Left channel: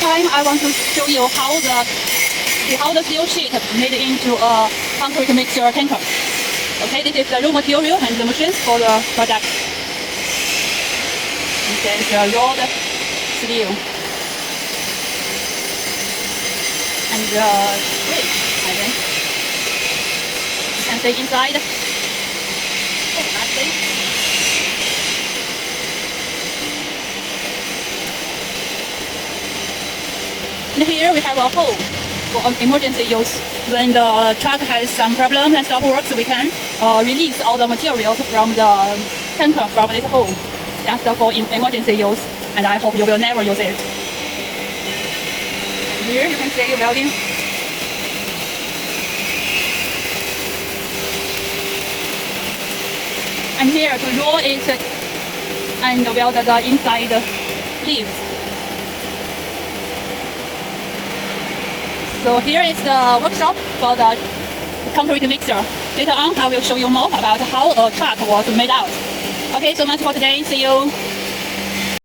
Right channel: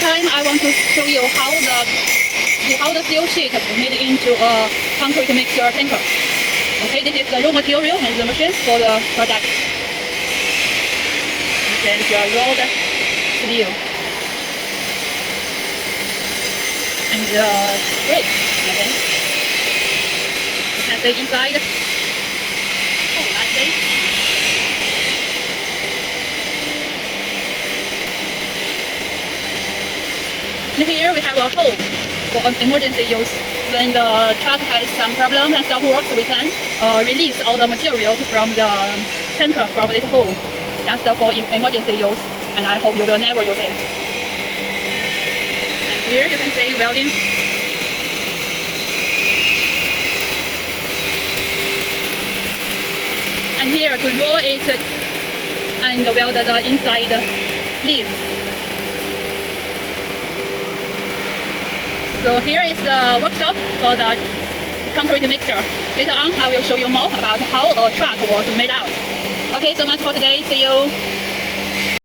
time I want to show you how the steel sheet made into a concrete mixture tanker. Okay, this is the raw material and the machines for the project. This is the raw steel. And the brick, I think. And the inside. Oh, that's it. And here we have a hole for an emergency use. When the truck has some problem and stop works, we can release all the materials from the tanker from this hole. Just for emergency use, and I hope you will never use it. And here you can see welding. And here to roll it and weld the inside leaves. So here is the workshop for the concrete mixture. Later on, I will show you more about how a truck was made out. Okay, so much for today. See you.